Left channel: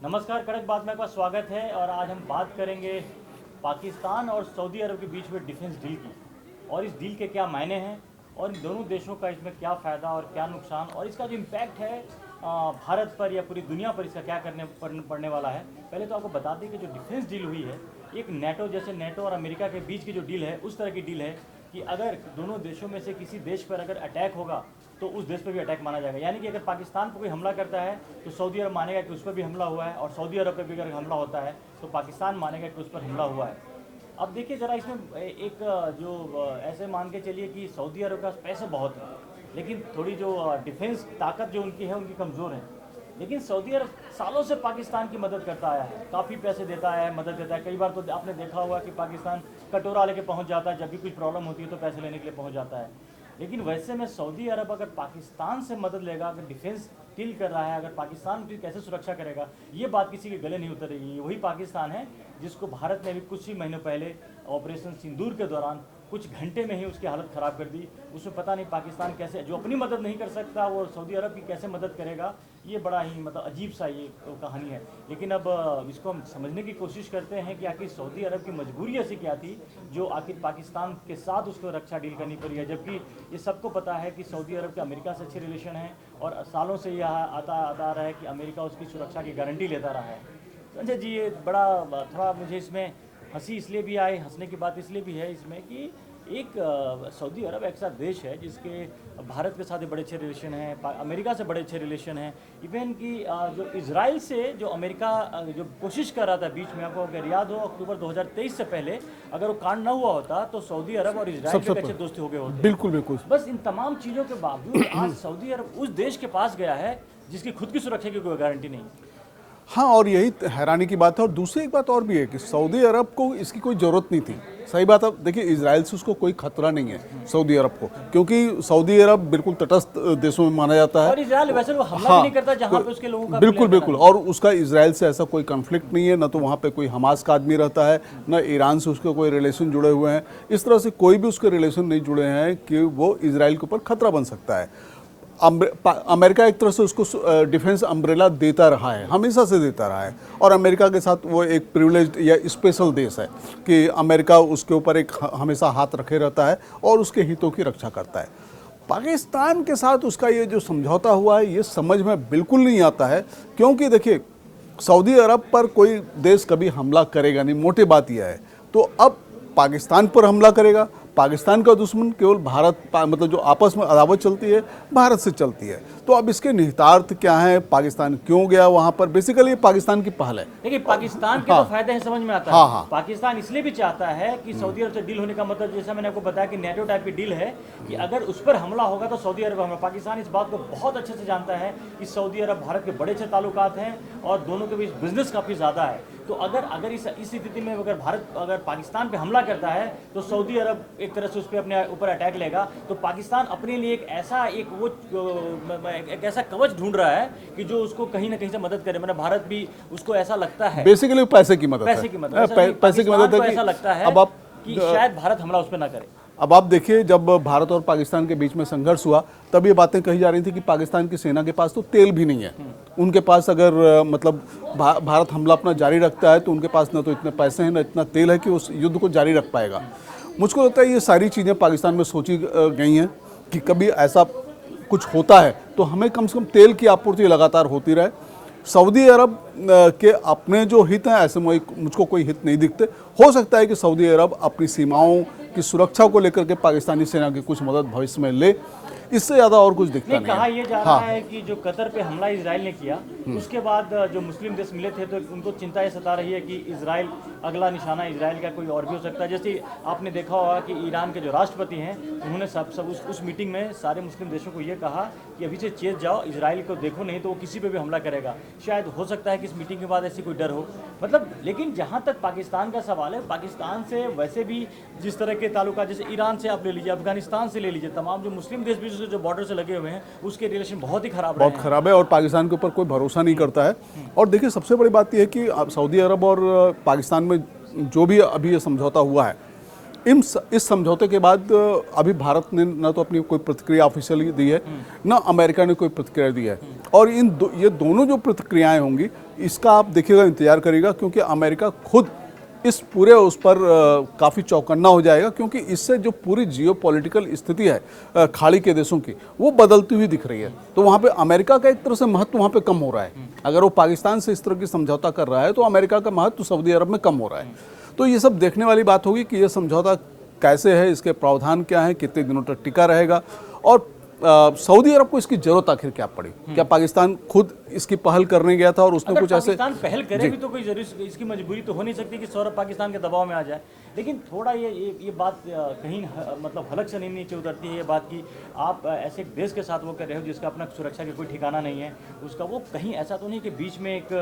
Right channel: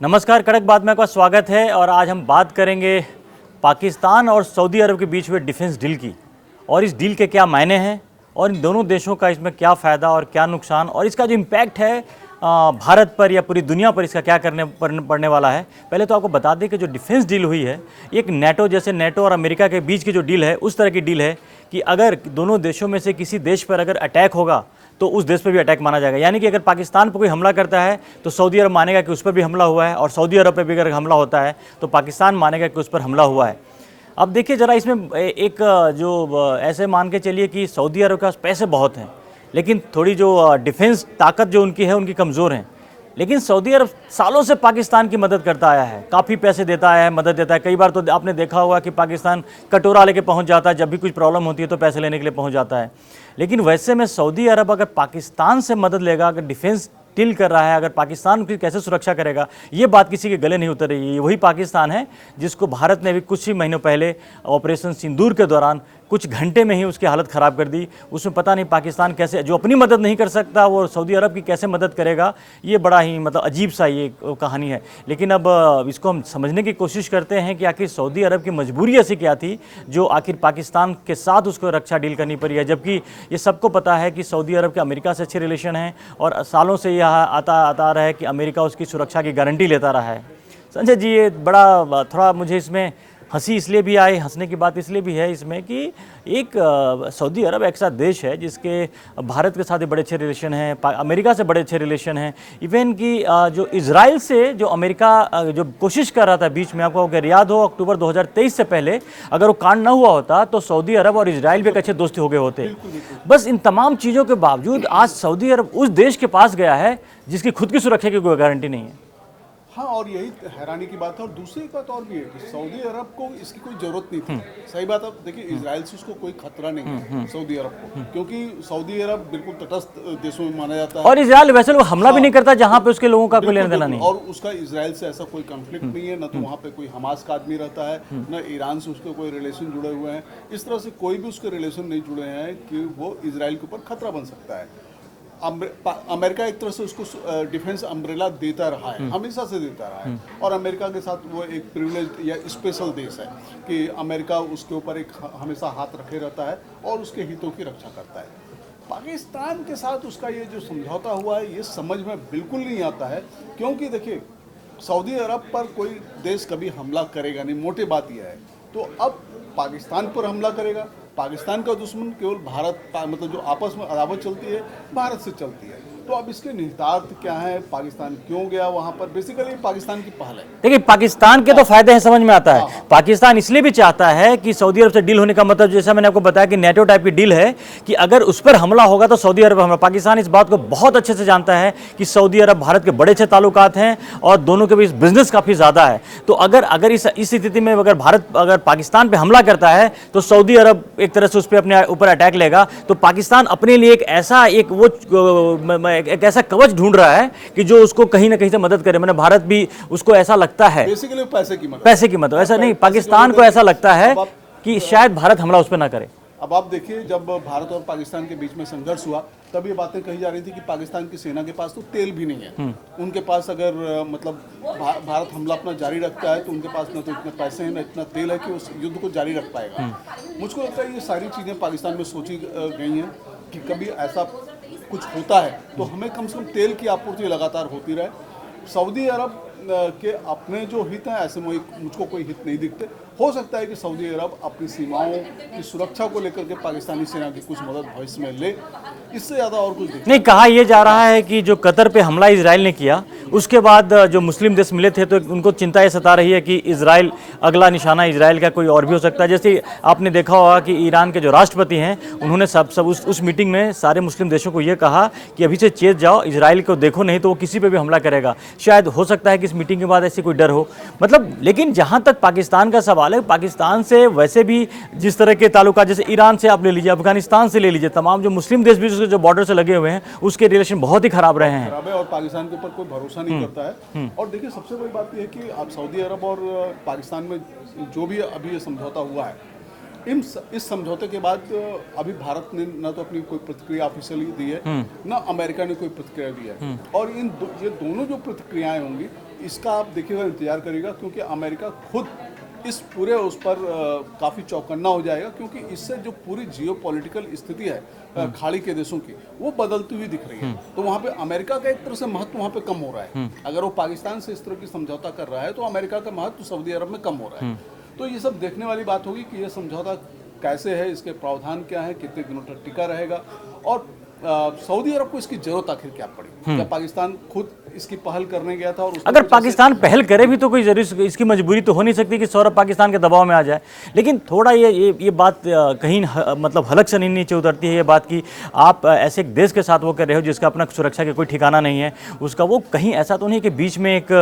नमस्कार, कड़क बात में आपका स्वागत है। और आज हम बात करेंगे पाकिस्तान और सऊदी अरब के बीच हुए डिफेंस डील की, और इस डील के क्या मायने हैं और इन दोनों देशों का इसमें क्या फ़ायदा और क्या नुकसान, और इसका जो इम्पैक्ट है भारत पर या पूरी दुनिया पर इसका क्या पड़ने वाला है। पहले तो आपको बता दें कि जो डिफेंस डील हुई है, एक नेटो जैसे नेटो और अमेरिका के बीच की जो डील है, उस तरह की डील है कि अगर दोनों देशों में से किसी देश पर अगर अटैक होगा तो उस देश पर भी अटैक माना जाएगा। यानी कि अगर पाकिस्तान पर कोई हमला करता है तो सऊदी अरब मानेगा कि उस पर भी हमला हुआ है, और सऊदी अरब पर भी अगर हमला होता है तो पाकिस्तान मानेगा कि उस पर हमला हुआ है। अब देखिए ज़रा, इसमें एक जो ऐसे मान के चलिए कि सऊदी अरब के पास पैसे बहुत हैं, लेकिन थोड़ी जो डिफेंस ताकत जो उनकी है, उनकी कमज़ोर हैं। लेकिन सऊदी अरब सालों से पाकिस्तान की मदद करता आया है, काफ़ी पैसे देता है, मदद देता है। कई बार तो आपने देखा होगा कि पाकिस्तान कटोरा लेके पहुंच जाता है, जब भी कुछ प्रॉब्लम होती है तो पैसे लेने के लिए पहुंच जाता है। लेकिन वैसे में सऊदी अरब अगर पाकिस्तान से मदद लेगा, अगर डिफेंस डील कर रहा है, अगर पाकिस्तान की कैसे सुरक्षा करेगा, ये बात किसी के गले नहीं उतर रही है। वही पाकिस्तान है जिसको भारत ने भी कुछ ही महीनों पहले ऑपरेशन सिंदूर के दौरान कुछ घंटे में ही उसकी हालत ख़राब कर दी। उसमें पता नहीं पाकिस्तान कैसे, जो अपनी मदद नहीं कर सकता, वो सऊदी अरब की कैसे मदद करेगा। ये बड़ा ही अजीब सा ये कहानी है। लेकिन अब इसको हम समझने की कोशिश करते हैं कि आखिर सऊदी अरब की मजबूरी ऐसी क्या थी जो आखिर पाकिस्तान के साथ उसको रक्षा डील करनी पड़ी है। जबकि ये सबको पता है कि सऊदी अरब के अमेरिका से अच्छे रिलेशन हैं, और सालों से यह आता रहा है कि अमेरिका उसकी सुरक्षा की गारंटी लेता रहा है। संजय जी, ये बड़ा थोड़ा मुझे इसमें हंसी इसलिए भी आई, हंसने की बात इसलिए भी है इसमें कि एक सऊदी अरब एक ऐसा देश है जिसके भारत के साथ बड़े अच्छे रिलेशन हैं, अमेरिका से बड़े अच्छे रिलेशन हैं। इवन कि जो इजराइल से जो अमेरिका जो कोशिश कर रहा था बीच में, आपको अगर याद हो अक्टूबर 2023 से पहले अगर वो कांड ना हुआ होता तो सऊदी अरब और इजराइल भी एक अच्छे दोस्ती हो गए होते। बिल्कुल बिल्कुल। बस इन तमाम चीज़ों के बावजूद आज सऊदी अरब उस देश के पास गया है जिसकी खुद की सुरक्षा की कोई गारंटी नहीं है। हाँ, और यही हैरानी की बात है। और दूसरी एक बात और भी है कि सऊदी अरब को इसकी कोई जरूरत नहीं थी। सही बात है। देखिए, इजराइल से उसको कोई खतरा नहीं है सऊदी अरब को, क्योंकि सऊदी अरब बिल्कुल तटस्थ देशों में माना जाता है, और इजराइल वैसे वो हमला भी नहीं करता जहां पे उसके लोगों का कोई लेना देना नहीं। और उसका इजराइल से ऐसा कोई कॉन्फ्लिक्ट नहीं है, न तो वहाँ पे कोई हमास का आदमी रहता है, न ईरान से उसके कोई रिलेशन जुड़े हुए हैं। इस तरह से कोई भी उसके रिलेशन नहीं जुड़े हैं कि वो इजराइल के ऊपर खतरा बन सकता है। अमेरिका एक तरह से उसको डिफेंस अम्ब्रेला देता रहा है, हमेशा से देता रहा है। और अमेरिका के साथ वो एक प्रिविलेज्ड या स्पेशल देश है कि अमेरिका उसके ऊपर एक हमेशा हाथ रखे रहता है और उसके हितों की रक्षा करता है। पाकिस्तान के साथ उसका ये जो समझौता हुआ है, ये समझ में बिल्कुल नहीं आता है। क्योंकि देखिए, सऊदी अरब पर कोई देश कभी हमला करेगा नहीं, मोटी बात यह है। तो अब पाकिस्तान पर हमला करेगा। पाकिस्तान का दुश्मन केवल भारत, मतलब जो आपस में अदावत चलती है भारत से चलती है। तो अब इसके निहितार्थ क्या है, पाकिस्तान क्यों गया वहां पर, बेसिकली पाकिस्तान की पहल है। देखिए, पाकिस्तान के तो फायदे हैं, समझ में आता है। हाँ। पाकिस्तान इसलिए भी चाहता है कि सऊदी अरब से डील होने का मतलब, जैसा मैंने आपको बताया कि नेटो टाइप की डील है कि अगर उस पर हमला होगा तो सऊदी अरब हमला। पाकिस्तान इस बात को बहुत अच्छे से जानता है कि सऊदी अरब भारत के बड़े अच्छे ताल्लुकात हैं और दोनों के बीच बिजनेस काफी ज्यादा है। तो अगर इस स्थिति में अगर भारत अगर पाकिस्तान पे हमला करता है तो सऊदी अरब एक तरह से उस पर अपने ऊपर अटैक लेगा। तो पाकिस्तान अपने लिए एक ऐसा कवच ढूंढ रहा है कि जो उसको कहीं ना कहीं से मदद करे। मैंने भारत भी उसको ऐसा लगता है, बेसिकली पैसे की मदद, ऐसा नहीं, पाकिस्तान को ऐसा लगता है कि शायद भारत हमला उस पर ना करे। अब आप देखिए, जब भारत और पाकिस्तान के बीच में संघर्ष हुआ तब ये बातें कही जा रही थी कि पाकिस्तान की सेना के पास तो तेल भी नहीं है। उनके पास अगर मतलब भारत हमला अपना जारी रखता है तो उनके पास न तो इतने पैसे हैं, न इतना तेल है कि उस युद्ध को जारी रख पाएगा। मुझको लगता है ये सारी चीज़ें पाकिस्तान में सोची गई हैं कि कभी ऐसा कुछ होता है तो हमें कम से कम तेल की आपूर्ति लगातार होती रहे। सऊदी अरब के अपने जो हित हैं, ऐसे मुझको कोई हित नहीं दिखते। हो सकता है कि सऊदी अरब अपनी सीमाओं की सुरक्षा को लेकर के पाकिस्तानी सेना की कुछ मदद भविष्य में ले, इससे ज्यादा और कुछ दिखता नहीं। कहा यह जा रहा है कि जो कतर पे हमला इजराइल ने किया, उसके बाद जो मुस्लिम देश मिले थे तो उनको चिंता ये सता रही है कि इजराइल अगला निशाना इजराइल का कोई और भी हो सकता है। जैसे आपने देखा होगा कि ईरान के जो राष्ट्रपति हैं, उन्होंने सब उस मीटिंग में सारे मुस्लिम देशों को ये कहा कि अभी से चेत जाओ, इजराइल को देखो, नहीं तो वो किसी पे भी हमला करेगा। शायद हो सकता है कि इस मीटिंग के बाद ऐसी कोई डर हो, मतलब। लेकिन जहां तक पाकिस्तान का सवाल है, पाकिस्तान से वैसे भी जिस तरह के ताल्लुकात, जैसे ईरान से आप ले लीजिए, अफगानिस्तान से ले लीजिए, तमाम जो मुस्लिम देश भी जो बॉर्डर से लगे हुए हैं, उसके रिलेशन बहुत ही खराब रहे हैं। खराब है, और पाकिस्तान के ऊपर कोई भरोसा नहीं करता है। और देखिए, सबसे बड़ी बात यह है कि सऊदी अरब और पाकिस्तान में जो भी अभी ये समझौता हुआ है, इस समझौते के बाद अभी भारत ने ना तो अपनी कोई प्रतिक्रिया ऑफिशियली दी है, ना अमेरिका ने कोई प्रतिक्रिया दी है। और ये दोनों जो प्रतिक्रियाएं होंगी, इसका आप देखिएगा, इंतजार करिएगा, क्योंकि अमेरिका खुद इस पूरे उस पर काफ़ी चौकन्ना हो जाएगा, क्योंकि इससे जो पूरी जियोपॉलिटिकल स्थिति है खाड़ी के देशों की, वो बदलती हुई दिख रही है। तो वहाँ पे अमेरिका का एक तरह से महत्व वहाँ पे कम हो रहा है। अगर वो पाकिस्तान से इस तरह की समझौता कर रहा है तो अमेरिका का महत्व सऊदी अरब में कम हो रहा है। तो ये सब देखने वाली बात होगी कि ये समझौता कैसे है, इसके प्रावधान क्या है, कितने दिनों तक टिका रहेगा, और सऊदी अरब को इसकी जरूरत आखिर क्या पड़ी। क्या पाकिस्तान खुद इसकी पहल करने गया था और उसने अगर कुछ पाकिस्तान पहल करे भी तो कोई जरूर इसकी मजबूरी तो हो नहीं सकती कि सौरभ पाकिस्तान के दबाव में आ जाए। लेकिन थोड़ा ये बात कहीं मतलब हलक से नहीं नीचे उतरती है ये बात कि आप ऐसे एक देश के साथ वो कर रहे हो जिसका अपना सुरक्षा का कोई ठिकाना नहीं है उसका, वो कहीं ऐसा तो नहीं कि बीच में एक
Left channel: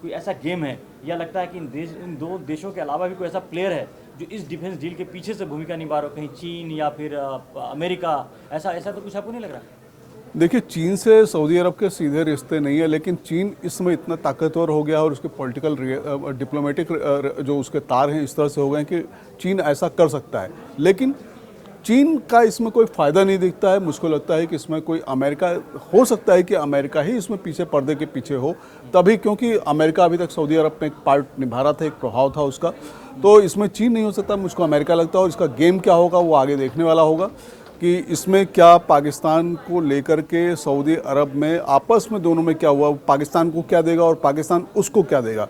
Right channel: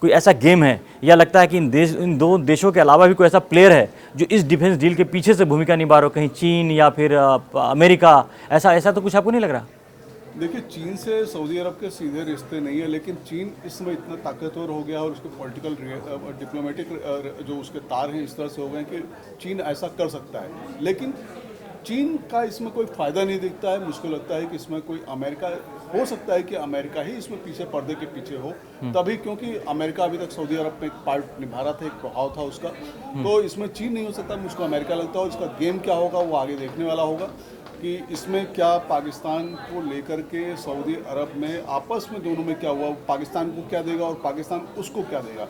कोई ऐसा गेम है, या लगता है कि इन दो देशों के अलावा भी कोई ऐसा प्लेयर है जो इस डिफेंस डील के पीछे से भूमिका निभा रहा हो, कहीं चीन या फिर अमेरिका, ऐसा तो कुछ आपको नहीं लग रहा? देखिए, चीन से सऊदी अरब के सीधे रिश्ते नहीं है, लेकिन चीन इस समय इतना ताकतवर हो गया और उसके पॉलिटिकल डिप्लोमेटिक जो उसके तार हैं इस तरह से हो गए कि चीन ऐसा कर सकता है। लेकिन चीन का इसमें कोई फ़ायदा नहीं दिखता है। मुझको लगता है कि इसमें कोई अमेरिका, हो सकता है कि अमेरिका ही इसमें पीछे, पर्दे के पीछे हो तभी, क्योंकि अमेरिका अभी तक सऊदी अरब में एक पार्ट निभा रहा था, एक प्रभाव था उसका। तो इसमें चीन नहीं हो सकता, मुझको अमेरिका लगता है। और इसका गेम क्या होगा वो आगे देखने वाला होगा कि इसमें क्या पाकिस्तान को लेकर के सऊदी अरब में आपस में दोनों में क्या हुआ, पाकिस्तान को क्या देगा और पाकिस्तान उसको क्या देगा।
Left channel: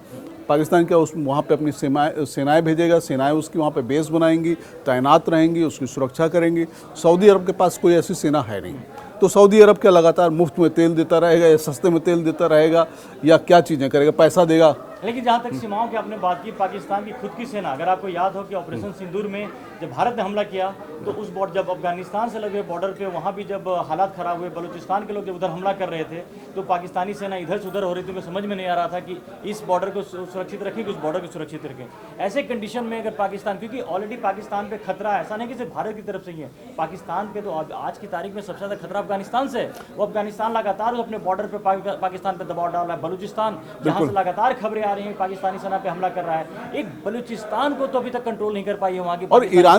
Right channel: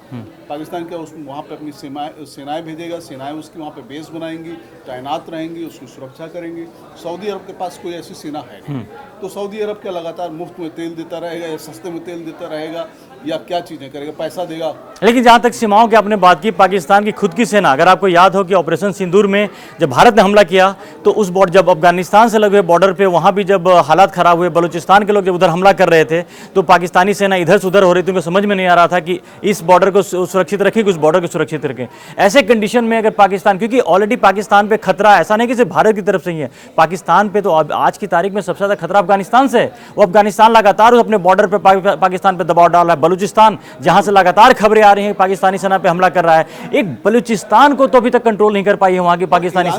पाकिस्तान क्या उस वहाँ पे अपनी सेनाएं भेजेगा, सेनाएं उसकी वहाँ पे बेस बनाएंगी, तैनात रहेंगी, उसकी सुरक्षा करेंगी। सऊदी अरब के पास कोई ऐसी सेना है नहीं। तो सऊदी अरब क्या लगातार मुफ्त में तेल देता रहेगा या सस्ते में तेल देता रहेगा या क्या चीज़ें करेगा, पैसा देगा? लेकिन जहाँ तक सीमाओं की आपने बात की, पाकिस्तान की खुद की सेना, अगर आपको याद हो कि ऑपरेशन सिंदूर में जब भारत ने हमला किया तो उस बॉर्डर, जब अफगानिस्तान से लगे बॉर्डर पे वहाँ भी जब हालात खराब हुए, बलूचिस्तान के लोग जब उधर हमला कर रहे थे तो पाकिस्तानी सेना इधर से उधर हो रही थी, उनको समझ में नहीं आ रहा था कि इस बॉर्डर को सुरक्षित रखें कि उस बॉर्डर को सुरक्षित रखें। ऐसे कंडीशन में अगर पाकिस्तान, क्योंकि ऑलरेडी पाकिस्तान पे खतरा ऐसा नहीं कि सिर्फ भारत की तरफ से ही है, पाकिस्तान पे तो आज की तारीख में सबसे ज़्यादा खतरा अफगानिस्तान से है। वो अफगानिस्तान लगातार अपने बॉर्डर पे पाकिस्तान पे दबाव डाल रहा है। बलूचिस्तान, जहां से लगातार खबरें आ रही हैं पाकिस्तानी सेना पे हमला कर रहा है, एक बलूचिस्तान को तो अभी तक कंट्रोल नहीं कर पाई है वहां की पाकिस्तानी सेना।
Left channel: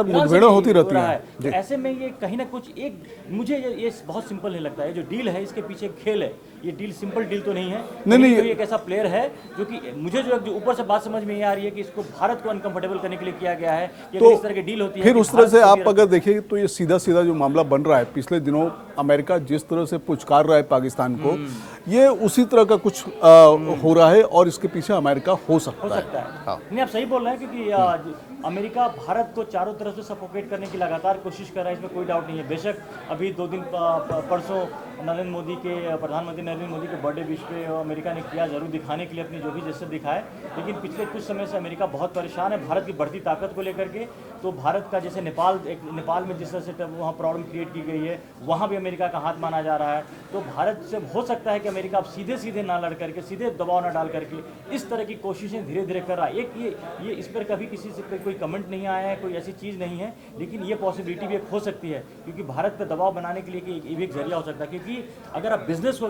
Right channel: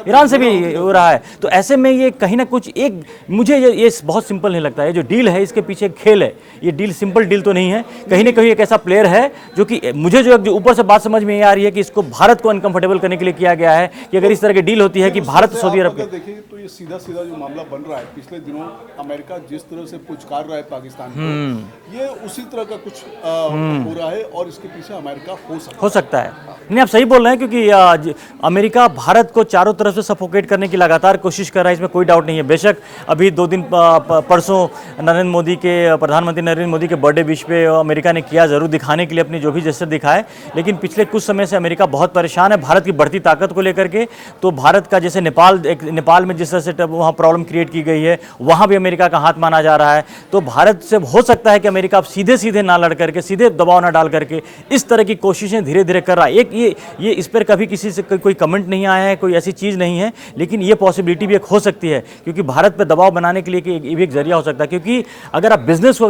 ईरान से भी हो रहा है। तो ऐसे में ये कहीं ना कुछ एक, मुझे ये बहुत सिंपल नहीं लगता है। ये जो डील है इसके पीछे खेल है, ये डील सिंपल डील तो नहीं है। कहीं ना कहीं एक ऐसा प्लेयर है जो कि मुझे जो ऊपर से बात समझ में ये आ रही है कि इसको भारत को अनकंफर्टेबल करने के लिए किया गया है कि अगर इस तरह की डील होती है कि भारत सऊदी अरब, अगर देखिए तो ये सीधा सीधा जो मामला बन रहा है, पिछले दिनों अमेरिका जिस तरह से पुचकार रहा है पाकिस्तान को, ये उसी तरह का कुछ हो रहा है और इसके पीछे अमेरिका हो सकता है। हाँ। नहीं, आप सही बोल रहे हैं, क्योंकि अमेरिका भारत को चारों तरफ से सफोकेट करने की लगातार कोशिश कर रहा है, इसमें कोई डाउट नहीं है। बेशक अभी 2 दिन परसों प्रधानमंत्री नरेंद्र मोदी के बर्थडे विश पे अमेरिका ने किया, जरूर दिखाने के लिए अपनी जो भी जेस्चर दिखाए, लेकिन पिछले कुछ समय से अमेरिका बहुत परेशान है भारत की बढ़ती ताकत को लेकर के। तो भारत का जैसे नेपाल में जिस तरह से वहाँ प्रॉब्लम क्रिएट की गई है, वहाँ भी अमेरिका का हाथ माना जा रहा है। तो भारत से हो सकता है कि अमेरिका अब सीधे ना लड़ करके, सीधे दबाव ना डाल करके इस तरह की कोशिशें धीरे धीरे कर रहा है। एक ये इस पर कभी किसी से कोई कमेंट नहीं आया है, कोई ऐसी चीज़ नहीं है, लेकिन ये पॉसिबिलिटी भी एक हो सकती है, क्योंकि भारत पर दबाव बनाने के लिए ये भी एक जरिया हो सकता है। क्योंकि अगर आप बिजनेस को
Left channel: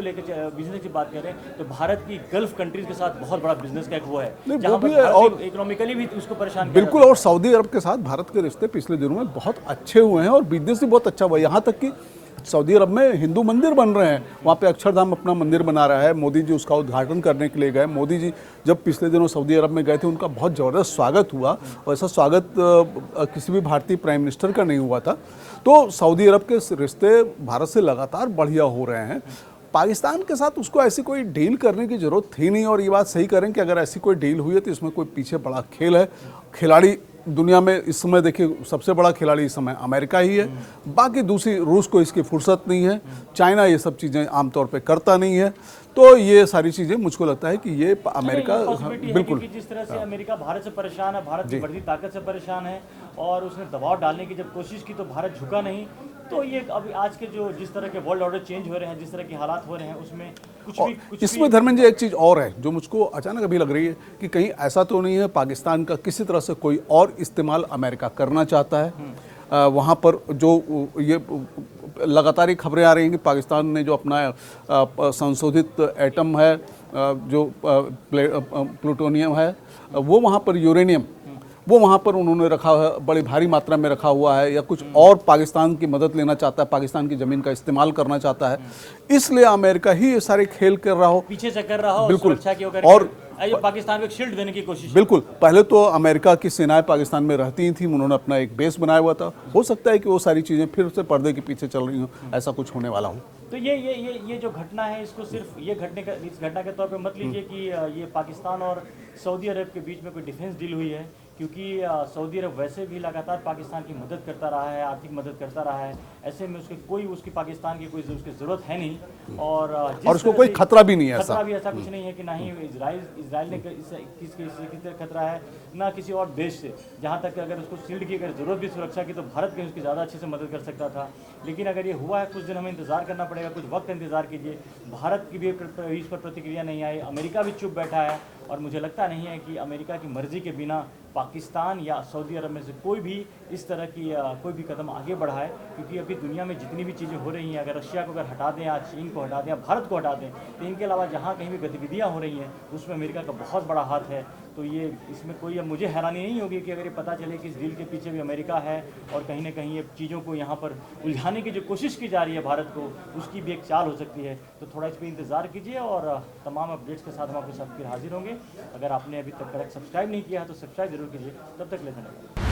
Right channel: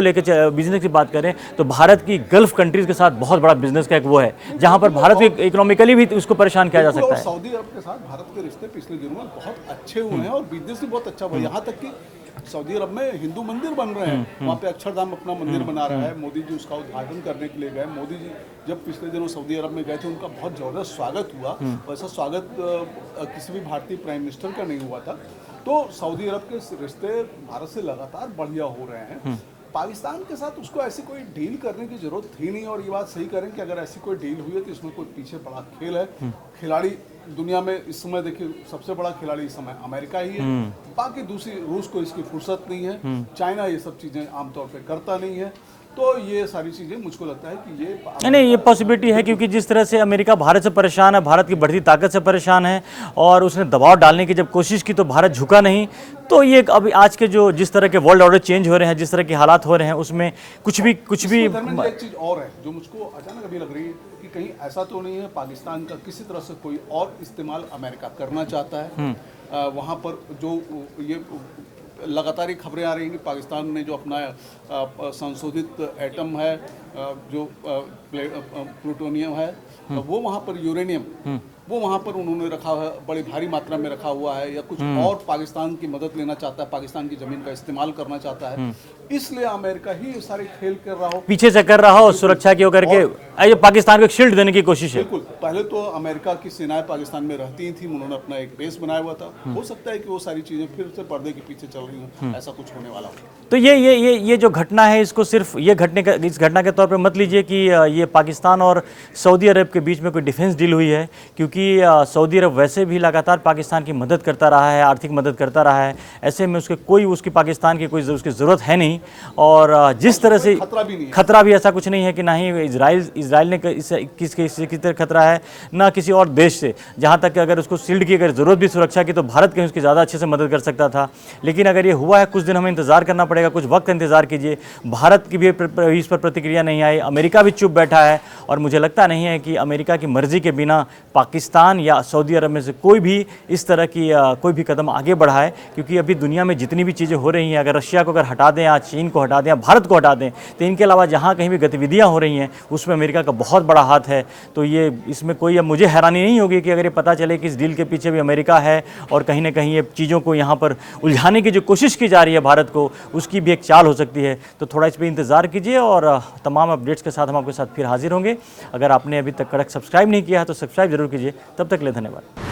लेकर बिजनेस की बात करें तो भारत की गल्फ कंट्रीज के साथ बहुत बड़ा बिजनेस का एक वो है जहां पर भारत इकोनॉमिकली भी उसको परेशान किया जा सकता है। और सऊदी अरब के साथ भारत के रिश्ते पिछले दिनों में बहुत अच्छे हुए हैं और बिजनेस भी बहुत अच्छा हुआ है। यहाँ तक कि सऊदी अरब में हिंदू मंदिर बन रहे हैं, वहाँ पे अक्षरधाम अपना मंदिर बना रहा है। मोदी जी उसका उद्घाटन करने के लिए गए। मोदी जी जब पिछले दिनों सऊदी अरब में गए थे, उनका बहुत ज़बरदस्त स्वागत हुआ। वैसा स्वागत किसी भी भारतीय प्राइम मिनिस्टर का नहीं हुआ था। तो सऊदी अरब के रिश्ते भारत से लगातार बढ़िया हो रहे हैं। पाकिस्तान के साथ उसको ऐसी कोई डील करने की जरूरत थी नहीं, और ये बात सही करें कि अगर ऐसी कोई डील हुई है तो इसमें कोई पीछे बड़ा खेल है। खिलाड़ी दुनिया में इस समय देखिए सबसे बड़ा खिलाड़ी इस समय अमेरिका ही है। बाकी दूसरी, रूस को इसकी फुर्सत नहीं है, चाइना ये सब चीज़ें आमतौर पे करता नहीं है। तो ये सारी चीज़ें मुझको लगता है कि ये नहीं, ये पॉसिबिलिटी है, क्योंकि जिस तरह से अमेरिका भारत से परेशान है, भारत की बढ़ती ताकत से परेशान है, और उसने दबाव डालने की जब कोशिश की तो भारत झुका नहीं। तो ये अभी आज के जो जिस तरह के वर्ल्ड ऑर्डर चेंज हो रहे हैं, जिस तरह के हालात हो रहे हैं, उसमें कुछ भी धर्मेंद्र जी, एक चीज़ और है जो मुझको अचानक अभी लग रही है कि कहीं ऐसा तो नहीं है पाकिस्तान का किसी तरह से कोई और इस्तेमाल अमेरिका करना चाहता है। वहाँ पर जो ये लगातार ही खबरें आ रही हैं कि पाकिस्तान ने जो अपना संशोधित एटम है जो प्लूटोनियम है वो वहाँ पर यूरेनियम वो वहाँ पर उन्होंने रखा है, बड़ी भारी मात्रा में रखा हुआ है, या कुछ और पाकिस्तान की मदद लेना चाहता है, पाकिस्तान की जमीन का इस्तेमाल करना चाहता है, इसलिए अमेरिका ही ये सारे खेल कर रहा हो, पीछे से कर रहा हो, सुरक्षा की होकर के पाकिस्तान को एक शील्ड देने की कोशिश है। बिल्कुल। पहले तो अमेरिका की सेनाएं पाकिस्तान में रहती ही थी, उन्होंने अपना एक बेस बनाया हुआ था, हो सकता है कि वो सारी चीजें फिर से पर्दे के पीछे चल रही हो, ऐसा कुछ होने वाला हो। तो ये जो घटना है, इसको सिर्फ ये इस घटना के तौर पे मत लीजिए कि ये पाकिस्तान और सऊदी अरब के बीच में कोई डिफेंस डील हुई है, क्योंकि सऊदी अरब वैसे भी लगातार पाकिस्तान की मदद करता रहा है, आर्थिक मदद करता रहा है। ऐसे में उसकी पाकिस्तान की कोई उसकी ज़रूरत है नहीं, और जिस तरह से खतरा भी नहीं है, खतरा भी ऐसा कुछ नहीं है कि ना ही इजराइल ने किसी तरह खतरा है, ना किसी और देश से। जहाँ तक कि अगर उसको शील्ड की अगर ज़रूरत भी सुरक्षा की, तो भारत कहीं उसकी ज़्यादा अच्छे से मदद कर सकता था। लेकिन अगर ये हुआ है, कुछ दिन हमें इंतज़ार करना पड़ेगा, कुछ वक्त इंतज़ार कीजिए। भारत की भी इस पर प्रतिक्रिया नहीं आई, अमेरिका भी चुप बैठा है, और मुझे लगता नहीं है कि अमेरिका की मर्जी के बिना पाकिस्तान या सऊदी अरब में से कोई भी इस तरह की कोई भी कदम आगे बढ़ाए। क्योंकि अभी दुनिया में जितनी भी चीज़ें हो रही हैं, अगर रशिया को अगर हटा दें, या चीन को हटा दें, या भारत को हटा दें, तो इनके अलावा जहाँ कहीं भी गतिविधियाँ हो रही हैं उसमें अमेरिका का बहुत बड़ा हाथ है। तो ये इसमें कोई, अब मुझे हैरानी नहीं होगी कि अगर ये पता चले कि इस डील के पीछे भी अमेरिका है, और कहीं ना कहीं ये चीज़ों को यहाँ पर उलझाने की जो कोशिश की जा रही है भारत को, उसकी भी एक चाल हो सकती है। तो थोड़ा इस पर इंतज़ार कीजिए, और तमाम अपडेट्स के साथ हम आपके साथ फिर हाजिर होंगे। अगर आपने अभी तक कड़क सब्सक्राइब नहीं किया है तो सब्सक्राइब जरूर कीजिए। तब तक के लिए धन्यवाद।